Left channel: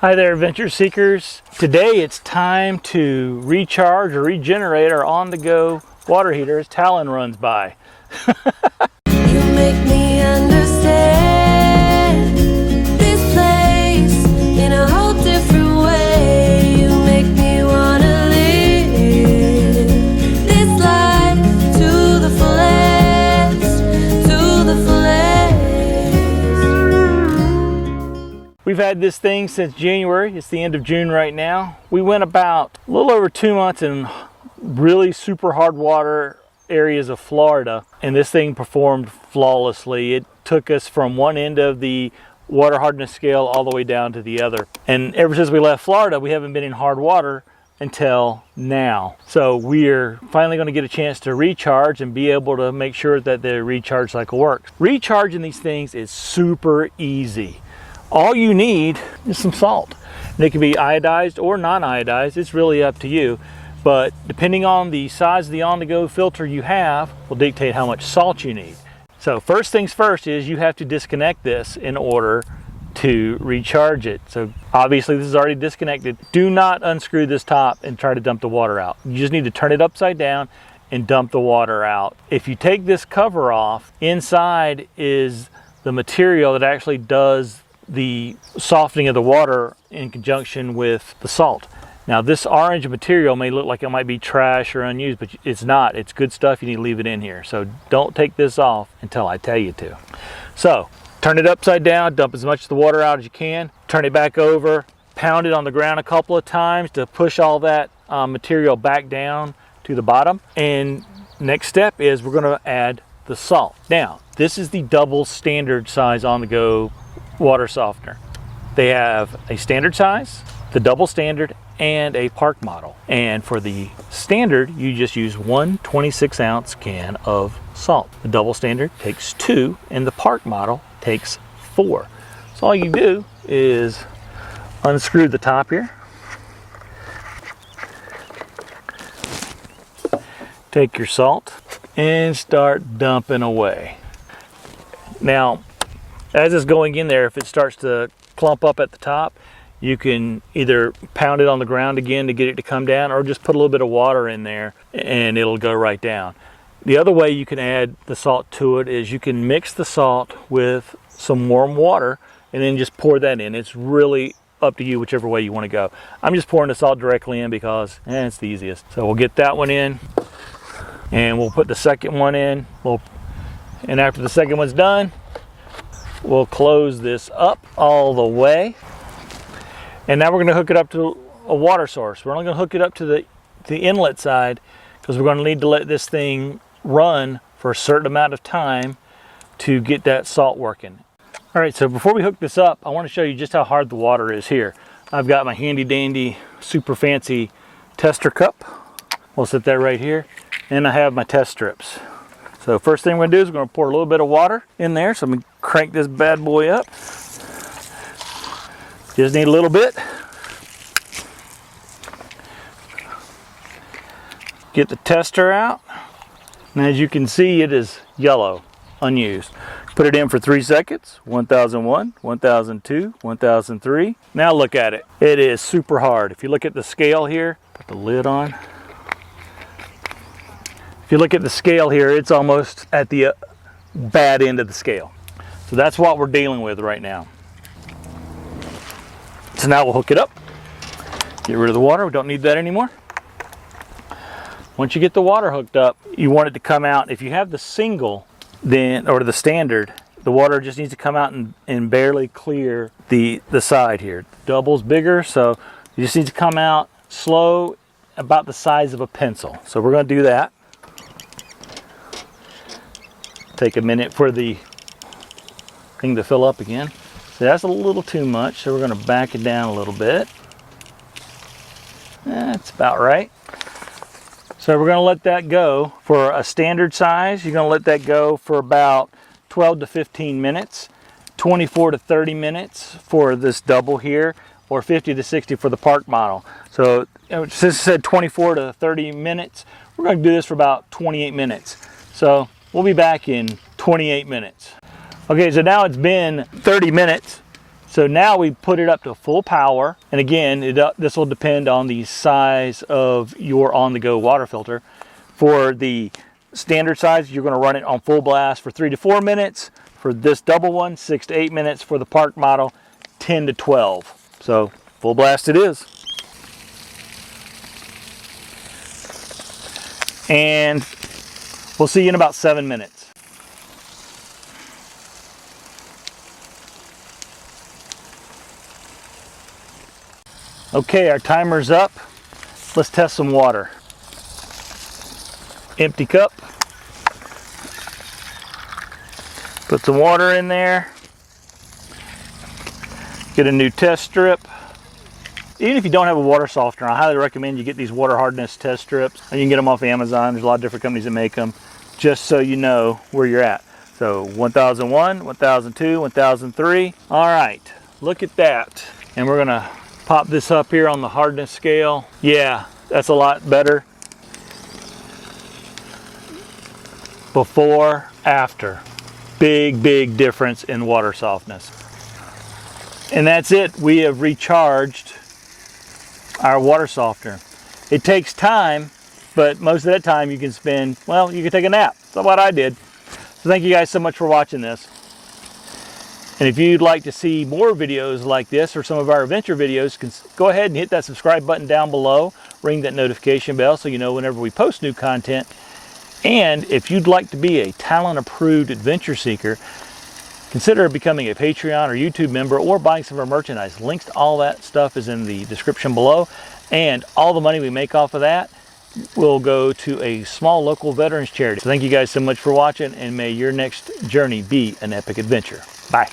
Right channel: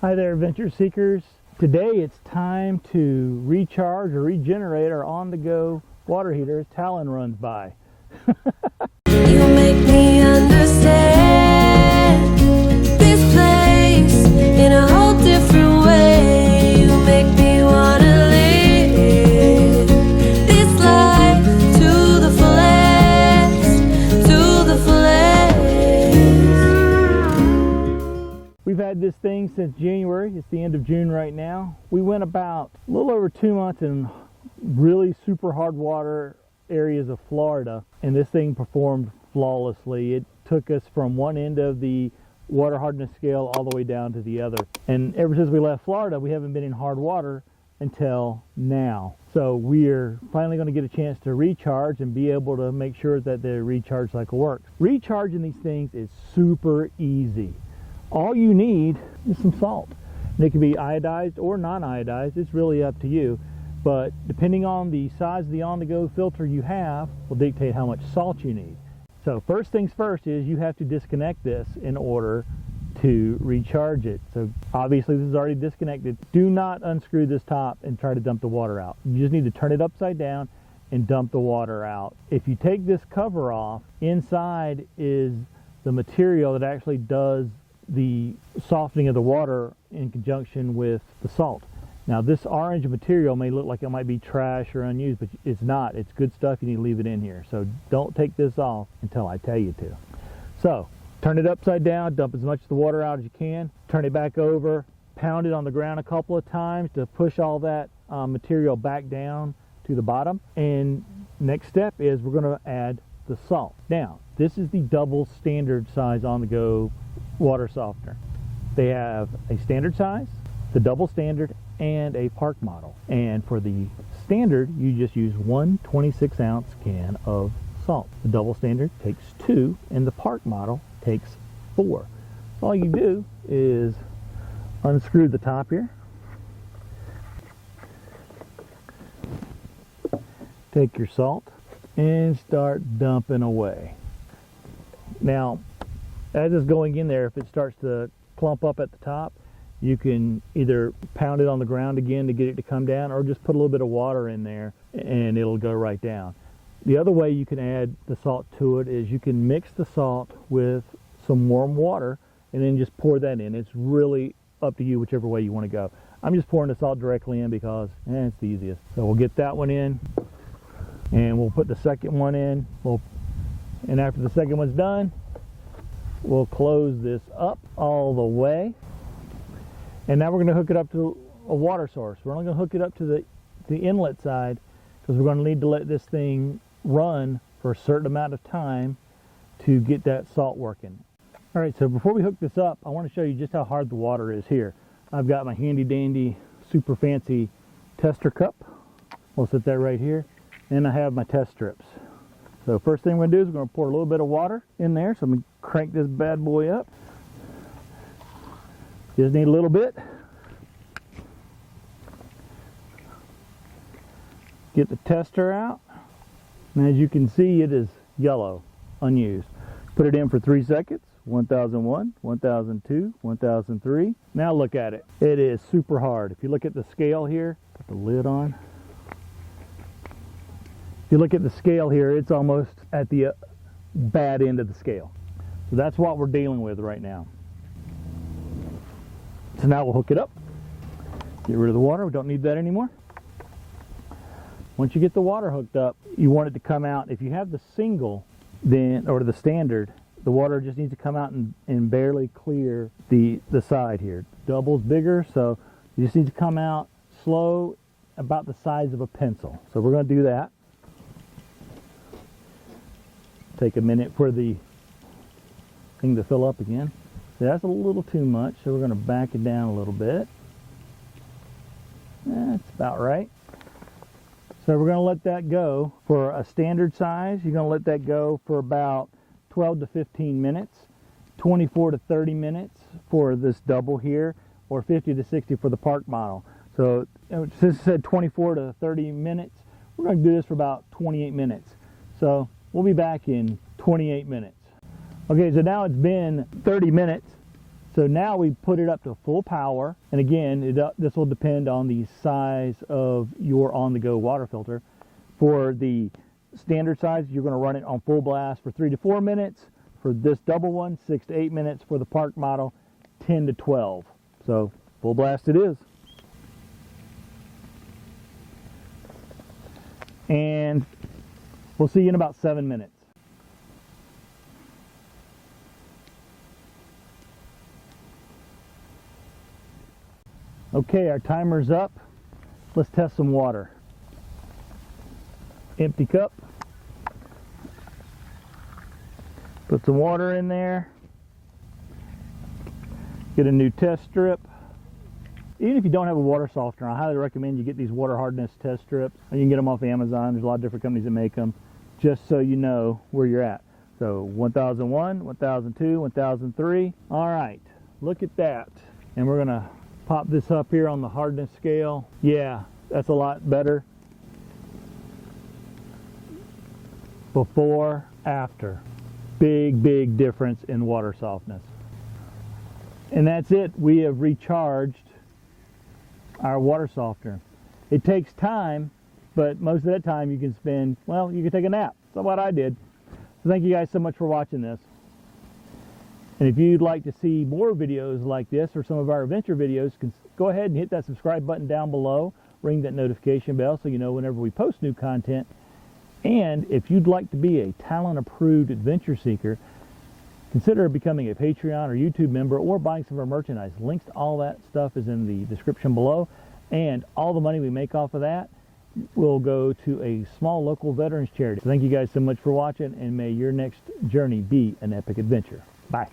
Hi there, adventure seekers. Today it's time to recharge or regenerate our on-the-go water heater as Talon runs by. You make me understand this place in a whole different way. You make me wanna live this life to the fullest, to the fullest. We've had this thing since January. It's the end of June right now. We went about a little over 2 months in really super hard water areas of Florida, and this thing performed flawlessly. It took us from one end of the water hardness scale all the way down to the other. And ever since we left Florida, we haven't been in hard water until now. So we're finally going to get a chance to recharge and be able to make sure that the recharge cycle works. Recharging these things is super easy. All you need is some salt. And it can be iodized or non-iodized. It's really up to you. But depending on the size of the on-the-go filter you have will dictate how much salt you need. So first things first is you have to disconnect this in order to recharge it. So obviously this is already disconnected. Do not unscrew this top and try to dump the water out. You just need to turn it upside down and dump the water out. If you take this cover off, inside is the material that actually does the softening of the water in conjunction with the salt. Now this orange material may look like it might be trash or unused, but it's not. It's good stuff. You need to leave it in here. So don't take this off until I tell you to. So turn it upside down, dump as much of the water out as you can, turn it back over, pound it on the ground a couple of times to push all that material back down to the bottom. And next step is we're going to add the salt. Now this is the double standard size on-the-go water softener. They have a standard size, the double standard, and a park model. And for the standard, you just use one 26-ounce can of salt. The double standard takes 2, and the park model takes 4. So all you do is unscrew the top here, take your salt, and start dumping away. Now, as it's going in there, if it starts to clump up at the top, you can either pound it on the ground again to get it to come down, or just put a little bit of water in there and it'll go right down. The other way you can add the salt to it is you can mix the salt with some warm water and then just pour that in. It's really up to you, whichever way you want to go. I'm just pouring the salt directly in because it's the easiest. So we'll get that one in and we'll put the second one in. And after the second one's done, we'll close this up all the way. And now we're going to hook it up to a water source. We're only going to hook it up to the inlet side because we're going to need to let this thing run for a certain amount of time to get that salt working. All right, so before we hook this up, I want to show you just how hard the water is here. I've got my handy dandy, super fancy tester cup. We'll set that right here. And I have my test strips. So first thing we're going to do is we're going to pour a little bit of water in there. So I'm going to crank this bad boy up. Just need a little bit. Get the tester out. And as you can see, it is yellow, unused. Put it in for 3 seconds. 1001, 1002, 1003. Now look at it. It is super hard. If you look at the scale here, put the lid on. If you look at the scale here, it's almost at the bad end of the scale. So that's what we're dealing with right now. So now we'll hook it up. Get rid of the water. We don't need that anymore. Once you get the water hooked up, you want it to come out. If you have the single, then, or the standard, the water just needs to come out and barely clear the side here. Double's bigger, so you just need to come out slow, about the size of a pencil. So we're going to do that. Take a minute for the thing to fill up again. So that's a little too much, so we're going to back it down a little bit. That's about right. So we're going to let that go for a standard size. You're going to let that go for about 12 to 15 minutes, 24 to 30 minutes for this double here, or 50 to 60 for the park model. So since it said 24 to 30 minutes, we're going to do this for about 28 minutes. So we'll be back in 28 minutes. Okay, so now it's been 30 minutes So now we put it up to full power. And again, this will depend on the size of your on-the-go water filter. For the standard size, you're going to run it on full blast for 3 to 4 minutes. For this double one, 6 to 8 minutes. For the park model, 10 to 12. So full blast it is. And we'll see you in about 7 minutes. Okay, our timer's up. Let's test some water. Empty cup. Put some water in there. Get a new test strip. Even if you don't have a water softener, I highly recommend you get these water hardness test strips. You can get them off Amazon. There's a lot of different companies that make them, just so you know where you're at. So 1001, 1002, 1003. All right, look at that. And we're gonna pop this up here on the hardness scale. Yeah, that's a lot better. Before, after. Big, big difference in water softness. And that's it. We have recharged our water softener. It takes time, but most of that time you can spend, well, you can take a nap. That's what I did. So thank you guys so much for watching this. And if you'd like to see more videos like this or some of our adventure videos, go ahead and hit that subscribe button down below. Ring that notification bell so you know whenever we post new content. And if you'd like to be a talent-approved adventure seeker, consider becoming a Patreon or YouTube member or buying some of our merchandise. Links to all that stuff is in the description below. And all the money we make off of that will go to a small local veterans charity. So thank you guys so much for watching, and may your next journey be an epic adventure. Bye.